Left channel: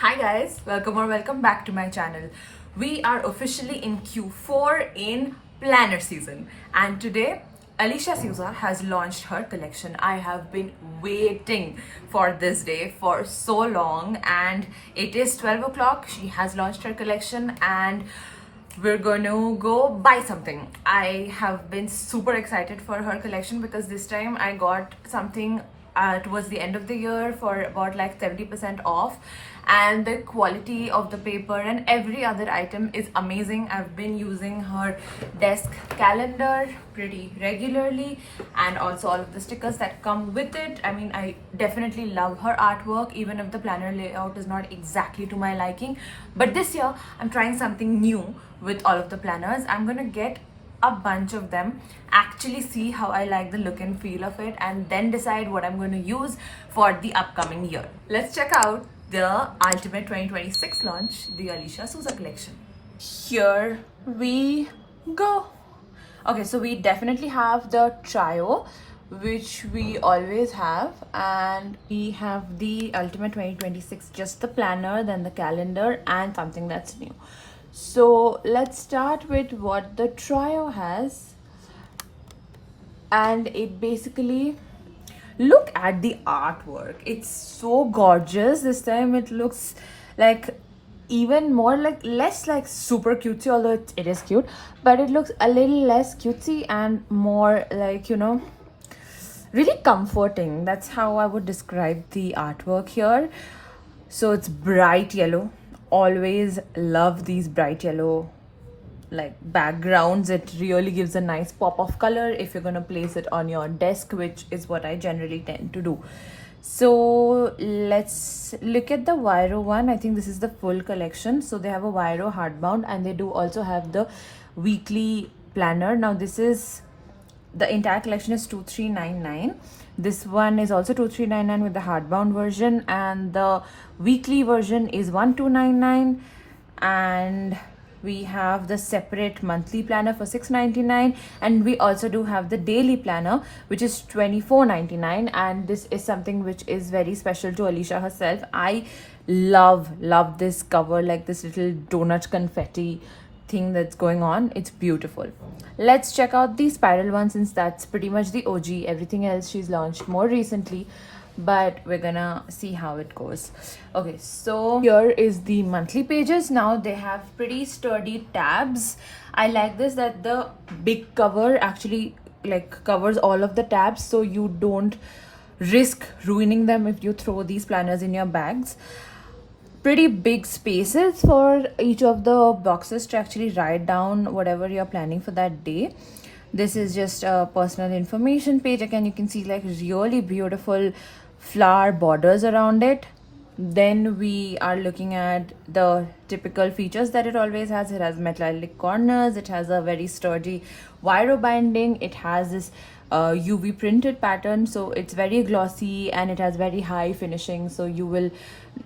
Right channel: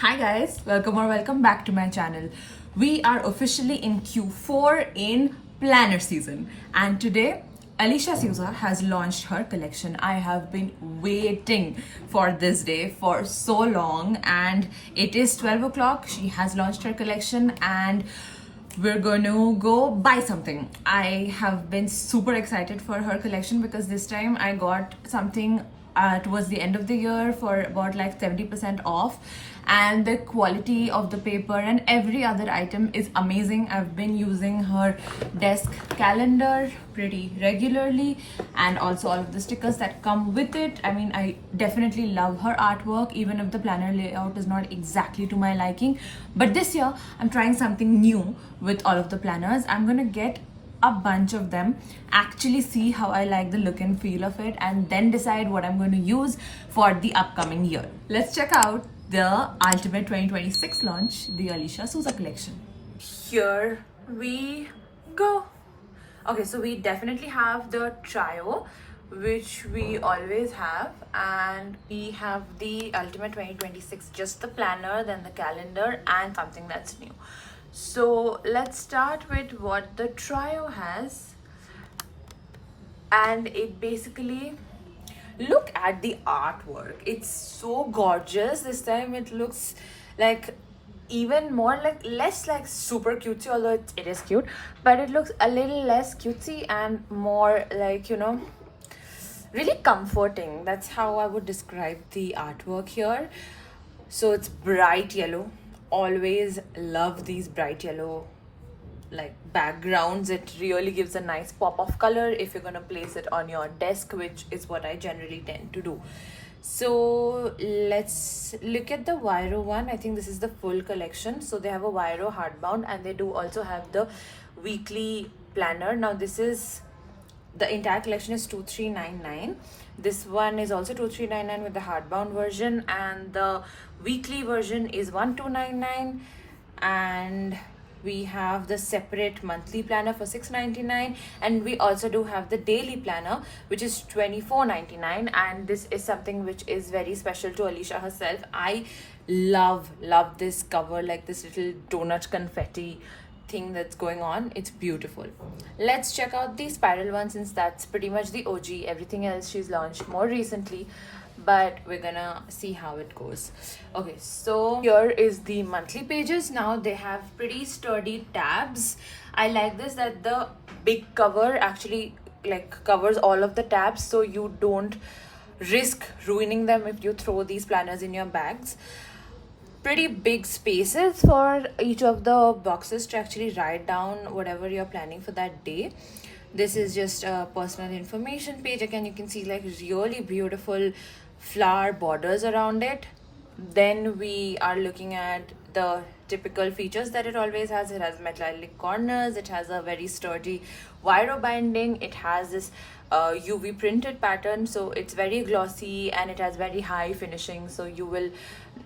Hi guys, welcome back to my channel. We are officially in Q4 in planner season, and today Alicia Souza has launched her collection. I have been waiting for this day for so long, and it is 12 o'clock. She has launched her collection and we're going to go buy something. I have been super excited for her collection because this time I got something towards the end of the year for about like 70% off, and the quality of the paper and every other item is amazing. I've been using her desk calendar pretty regularly, and also all of the stickers that come with it. I mean, I definitely love her artwork, even if the planner layout is not exactly to my liking. But this year I'm trying something new with all of the planners. I'm gonna get a bunch of them, actually see how I like the look and feel of it, and then decide what I'm going to use for the upcoming year. Let's check out the Ultimate 2026 launch, the Alicia Souza collection. Here we go. Okay, so we definitely have the trio, which we always have, and we have the Ultimate 2026, just the planner, then the calendar, and something that's new. So let's start with what the trio has, and it basically, look at the artwork. It's so gorgeous. This time it looks like even more like less like super cutesy, although it is cute, but it looks a little less cutesy and more like, you know, really comforting. That's how I would describe the artwork here. So it's bright yellow. Always love these bright yellow like backgrounds. It really gives a nice pop of color if you're going to place it on your desk, which is what I generally tend to do. So let's look at the Viro one. I think this is the full collection. So they have a Viro hardbound, and they do also have the weekly planner. Now this is, the entire collection is 2399. This one is also 2399 with the hardbound version, and the weekly version is 1299. And we have the separate monthly planner for 699, and we also do have the daily planner, which is 2499. And this is something which is very special to Alicia herself. I love this cover, like this little donut confetti thing that's going on. It's beautiful. Let's check out the spiral one, since that's pretty much the OG. Everything else she's launched more recently, but we're gonna see how it goes. Okay, so here is the monthly pages. Now they have pretty sturdy tabs. I like this, that the big cover actually like covers all of the tabs, so you don't risk ruining them if you throw these planners in your bags. Pretty big spaces for each of the boxes to actually write down whatever you're planning for that day. This is just a personal information page. Again, you can see like really beautiful flower borders around it. Then we are looking at the typical features that it always has. It has metallic corners, it has a very sturdy Viro binding, it has this UV printed pattern, so it's very glossy, and it has very high finishing, so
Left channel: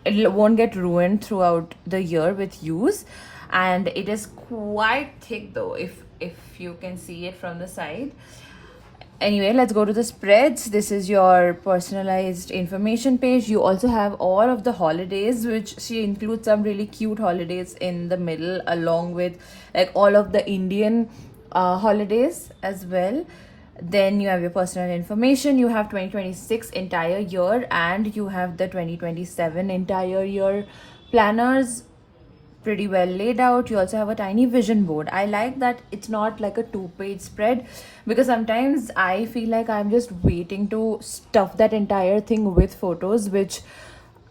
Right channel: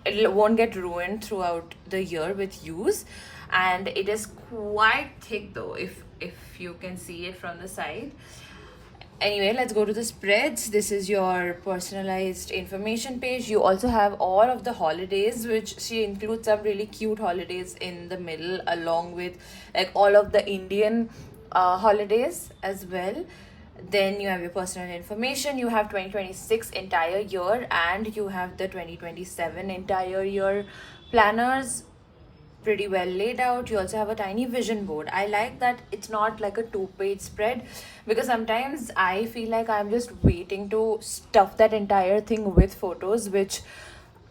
it won't get ruined throughout the year with use. And it is quite thick though, if you can see it from the side. Anyway, let's go to the spreads. This is your personalized information page. You also have all of the holidays, which she includes some really cute holidays in the middle, along with like all of the Indian holidays as well. Then you have your personal information. You have 2026 entire year, and you have the 2027 entire year planners pretty well laid out. You also have a tiny vision board. I like that it's not like a 2-page spread, because sometimes I feel like I'm just waiting to stuff that entire thing with photos, which,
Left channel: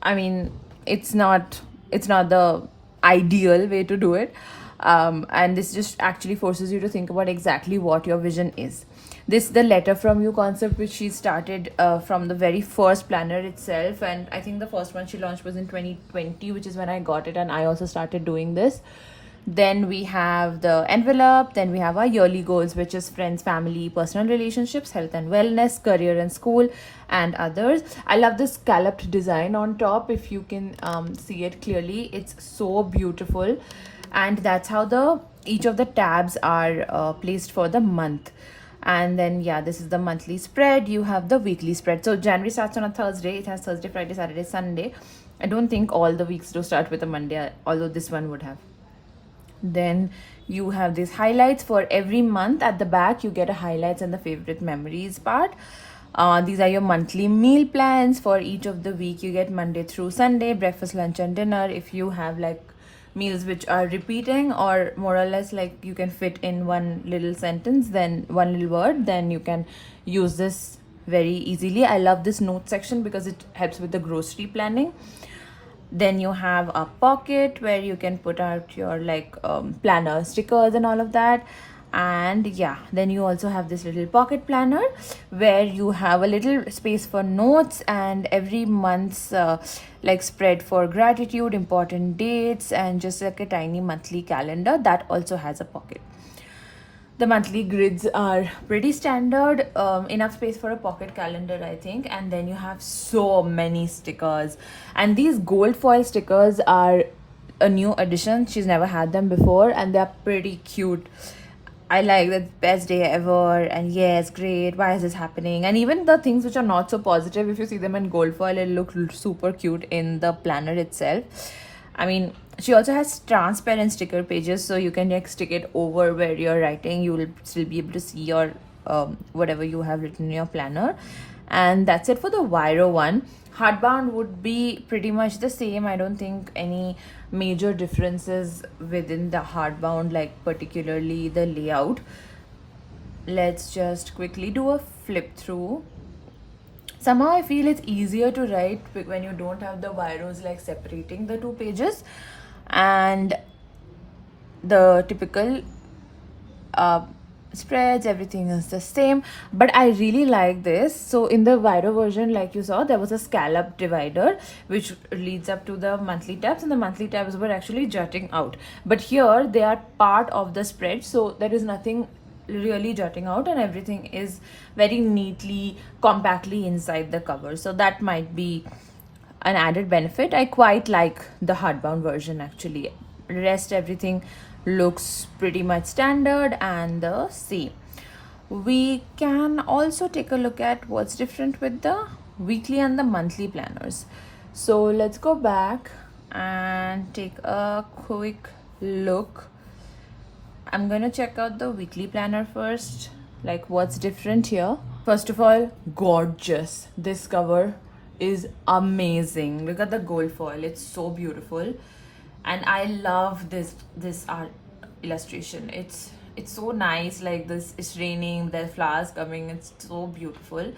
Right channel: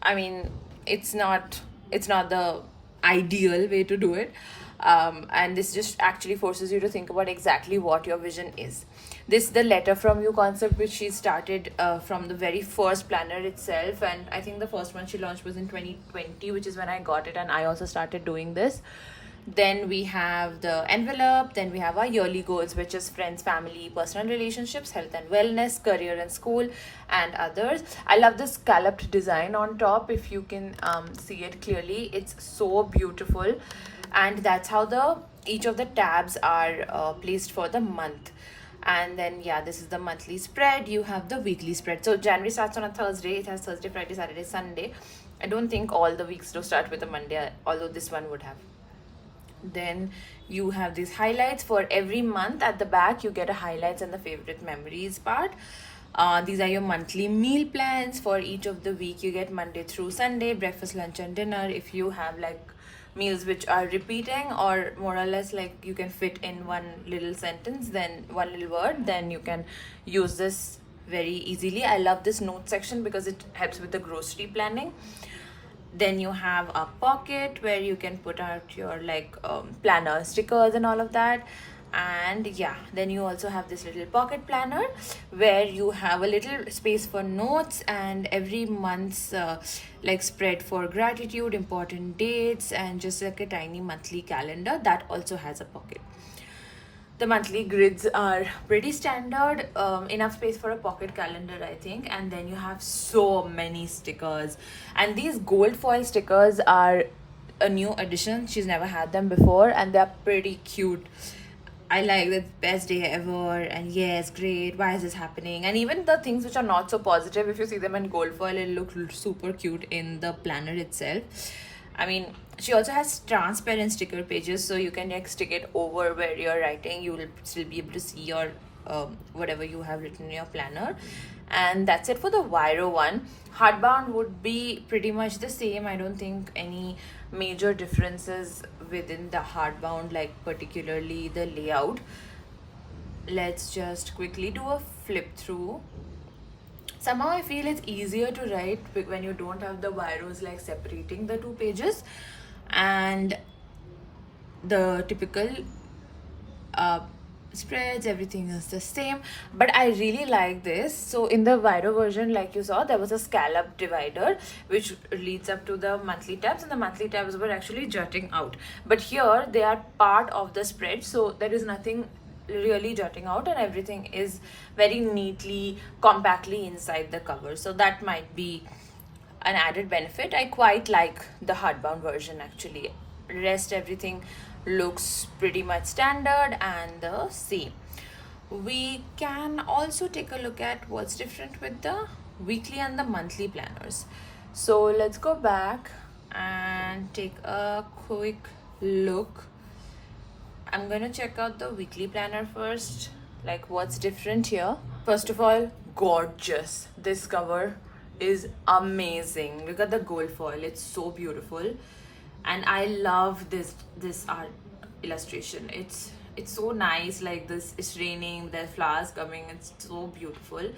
I mean, it's not the ideal way to do it. And this just actually forces you to think about exactly what your vision is. This the letter from you concept, which she started from the very first planner itself, and I think the first one she launched was in 2020, which is when I got it, and I also started doing this. Then we have the envelope. Then we have our yearly goals, which is friends, family, personal relationships, health and wellness, career and school, and others. I love the scalloped design on top. If you can see it clearly, it's so beautiful. And that's how each of the tabs are placed for the month. And then yeah, this is the monthly spread. You have the weekly spread. So January starts on a Thursday. It has Thursday, Friday, Saturday, Sunday. I don't think all the weeks do start with a Monday, although this one would have. Then you have these highlights for every month. At the back, you get a highlights and the favorite memories part. These are your monthly meal plans for each of the week. You get Monday through Sunday, breakfast, lunch, and dinner. If you have like meals which are repeating or more or less like you can fit in one little sentence, then one little word, then you can use this very easily. I love this note section because it helps with the grocery planning. Then you have a pocket where you can put out your like planner stickers and all of that. And yeah, then you also have this little pocket planner where you have a little space for notes and every month's like spread for gratitude, important dates, and just like a tiny monthly calendar that also has a pocket. The monthly grids are pretty standard, enough space for a pocket calendar, I think. And then you have so many stickers, and these gold foil stickers are a new addition. She's never had them before, and they're pretty cute. I like the best day ever, and yes, great. Why is this happening? And even the things which are not so positive, if you see them in gold foil, it looks super cute in the planner itself. I mean, she also has transparent sticker pages, so you can like stick it over where you're writing. You will still be able to see your whatever you have written in your planner. And that's it for the Viro one. Hardbound would be pretty much the same. I don't think any major differences within the hardbound, like particularly the layout. Let's just quickly do a flip through. Somehow I feel it's easier to write when you don't have the Viros like separating the two pages, and the typical spreads, everything is the same. But I really like this. So in the Viro version, like you saw, there was a scallop divider which leads up to the monthly tabs, and the monthly tabs were actually jutting out. But here they are part of the spread, so there is nothing really jutting out, and everything is very neatly, compactly inside the cover. So that might be an added benefit. I quite like the hardbound version actually. Rest everything looks pretty much standard and the same. We can also take a look at what's different with the weekly and the monthly planners. So let's go back and take a quick look. I'm gonna check out the weekly planner first, like what's different here. First of all, gorgeous. This cover is amazing. Look at the gold foil, it's so beautiful. And I love this art illustration. It's so nice, like this, it's raining, there's flowers coming, it's so beautiful.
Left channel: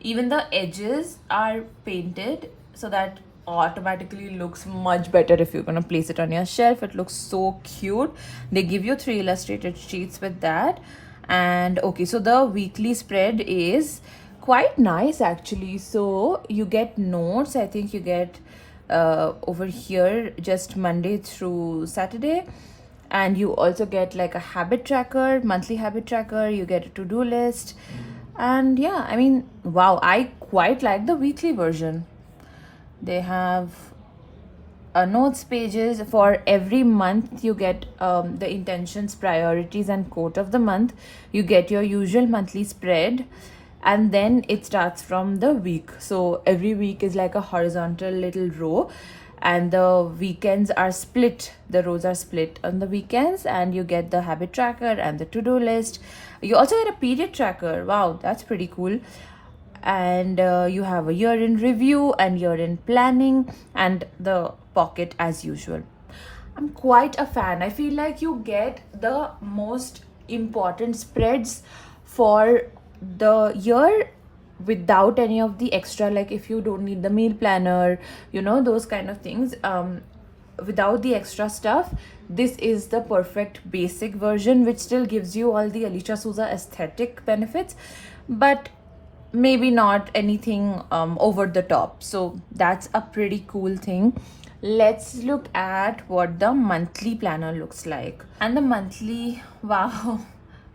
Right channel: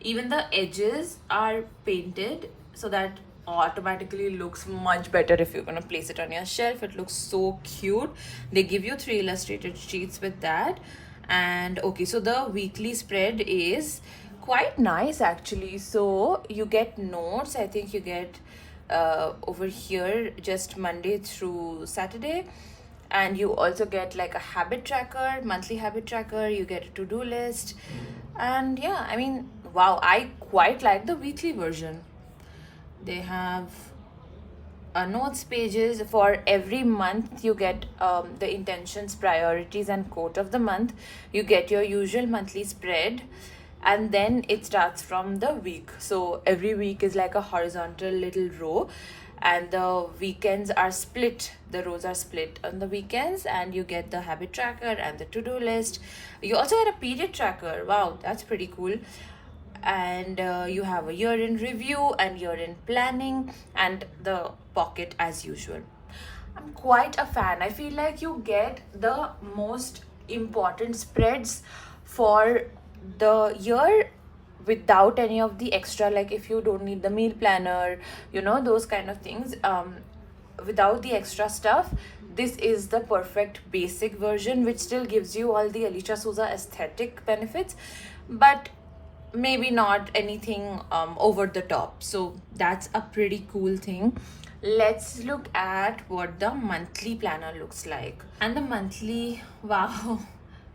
Even the edges are painted so that automatically looks much better if you're gonna place it on your shelf. It looks so cute. They give you 3 illustrated sheets with that. And okay, so the weekly spread is quite nice actually. So you get notes. I think you get over here just Monday through Saturday, and you also get like a habit tracker, monthly habit tracker. You get a to-do list, and yeah, I mean, wow, I quite like the weekly version. They have notes pages for every month. You get the intentions, priorities, and quote of the month. You get your usual monthly spread, and then it starts from the week. So every week is like a horizontal little row, and the weekends are split. The rows are split on the weekends, and you get the habit tracker and the to-do list. You also get a period tracker. Wow, that's pretty cool. And you have a year-end review and year-end planning, and the pocket as usual. I'm quite a fan. I feel like you get the most important spreads for the year without any of the extra, like if you don't need the meal planner, you know, those kind of things, without the extra stuff. This is the perfect basic version, which still gives you all the Alicia Souza aesthetic benefits, but maybe not anything over the top. So that's a pretty cool thing. Let's look at what the monthly planner looks like. And the monthly, wow,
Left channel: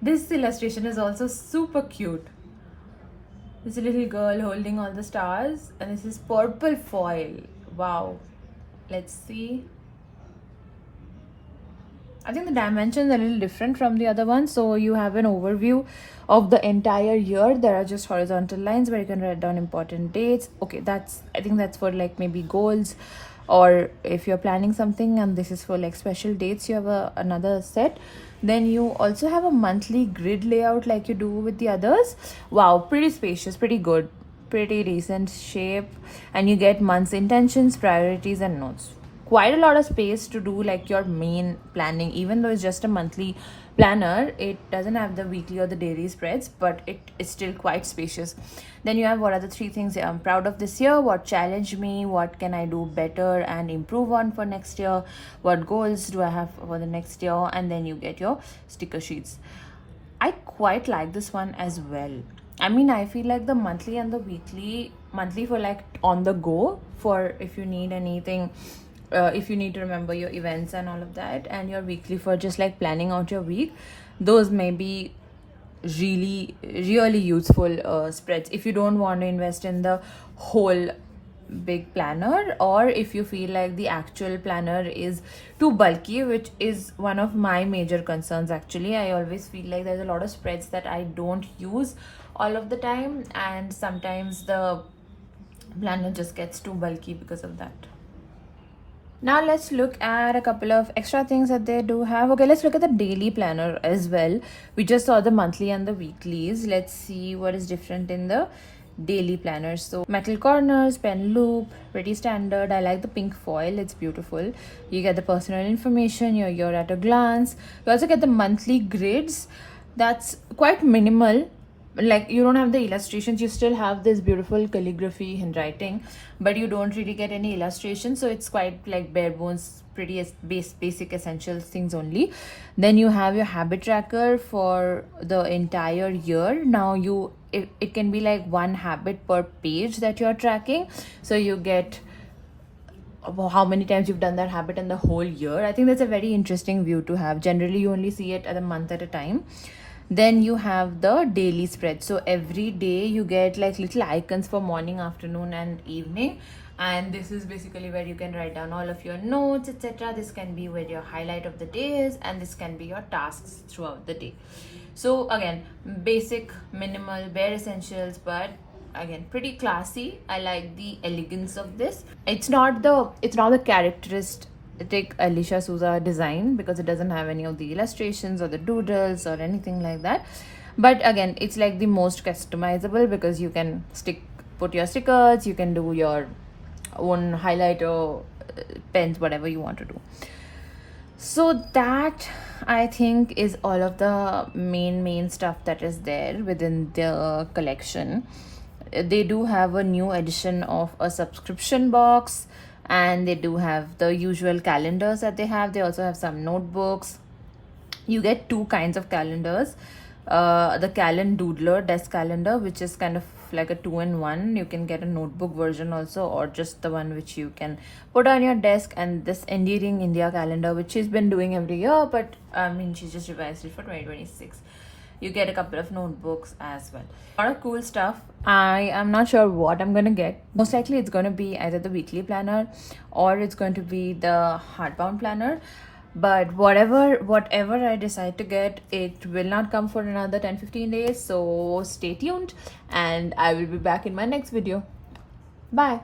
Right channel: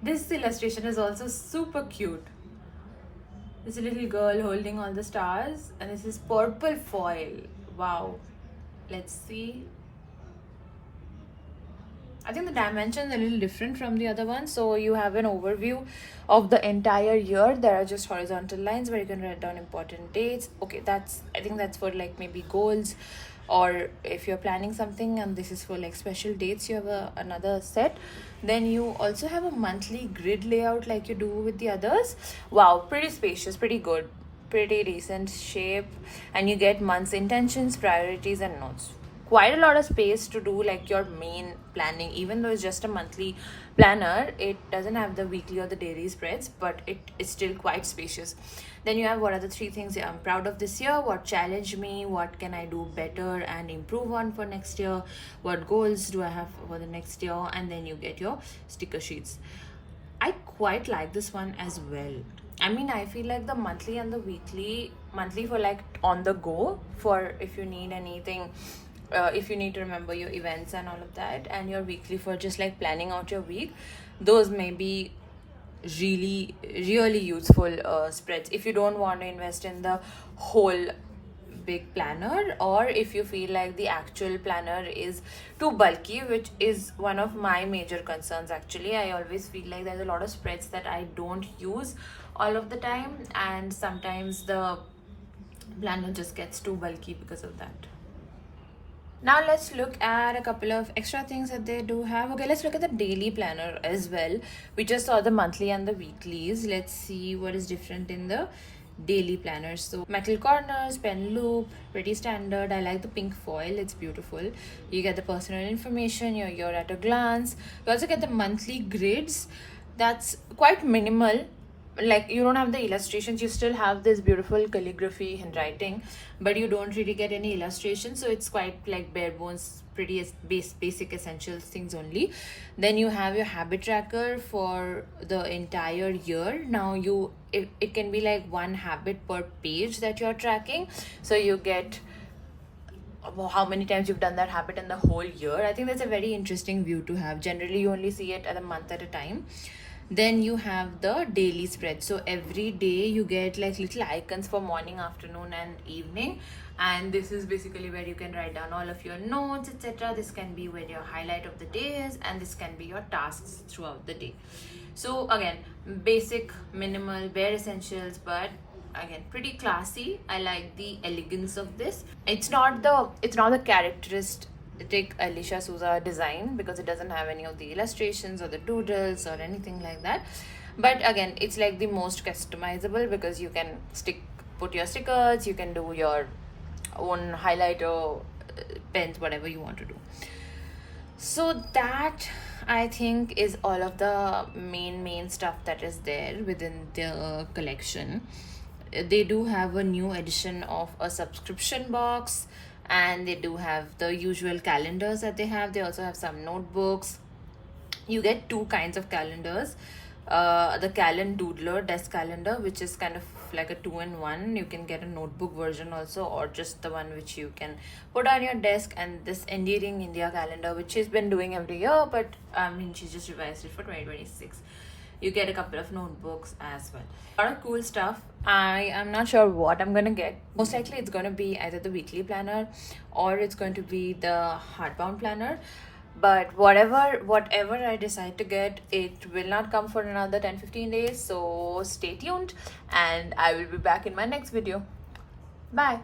this illustration is also super cute. This little girl holding all the stars, and this is purple foil. Wow. Let's see. I think the dimensions are a little different from the other one. So you have an overview of the entire year. There are just horizontal lines where you can write down important dates. Okay, I think that's for like maybe goals, or if you're planning something, and this is for like special dates, you have another set. Then you also have a monthly grid layout like you do with the others. Wow, pretty spacious, pretty good, pretty decent shape. And you get month's intentions, priorities, and notes. Quite a lot of space to do like your main planning. Even though it's just a monthly planner, it doesn't have the weekly or the daily spreads, but it is still quite spacious. Then you have what are the 3 things I'm proud of this year, what challenged me, what can I do better and improve on for next year, what goals do I have for the next year, and then you get your sticker sheets. I quite like this one as well. I mean, I feel like the monthly and the weekly, monthly for like on the go, for if you need anything, if you need to remember your events and all of that, and your weekly for just like planning out your week. Those may be really useful spreads if you don't want to invest in the whole big planner, or if you feel like the actual planner is too bulky, which is one of my major concerns actually. I always feel like there's a lot of spreads that I don't use all of the time, and sometimes the planner just gets too bulky because of that. Now let's look at a couple of extra things that they do have. Okay, let's look at the daily planner as well. We just saw the monthly and the weeklies. Let's see what is different in the daily planners. So metal corners, pen loop, pretty standard. I like the pink foil, it's beautiful. You get the personal information, your year at a glance. You also get the monthly grids. That's quite minimal. Like, you don't have the illustrations, you still have this beautiful calligraphy handwriting, but you don't really get any illustrations, so it's quite like bare bones, pretty basic essential things only. Then you have your habit tracker for the entire year. Now it can be like one habit per page that you're tracking, so you get how many times you've done that habit in the whole year. I think that's a very interesting view to have. Generally you only see it at a month at a time. Then you have the daily spread. So every day you get like little icons for morning, afternoon, and evening. And this is basically where you can write down all of your notes, etc. This can be where your highlight of the day is, and this can be your tasks throughout the day. So again, basic, minimal, bare essentials, but again pretty classy. I like the elegance of this. It's not the characteristic Alicia Souza design, because it doesn't have any of the illustrations or the doodles or anything like that. But again, it's like the most customizable, because you can put your stickers, you can do your own highlighter, pens, whatever you want to do. So that, I think, is all of the main stuff that is there within the collection. They do have a new edition of a subscription box, and they do have the usual calendars that they have. They also have some notebooks. You get 2 kinds of calendars. The Doodler desk calendar, which is kind of like a 2-in-1. You can get a notebook version also, or just the one which you can put on your desk, and this Endearing India calendar, which she's been doing every year, but I mean, she just revised it for 2026. You get a couple of notebooks as well. A lot of cool stuff. I am not sure what I'm gonna get. Most likely it's gonna be either the weekly planner or it's going to be the hardbound planner. But whatever I decide to get, it will not come for another 10-15 days. So stay tuned, and I will be back in my next video. Bye.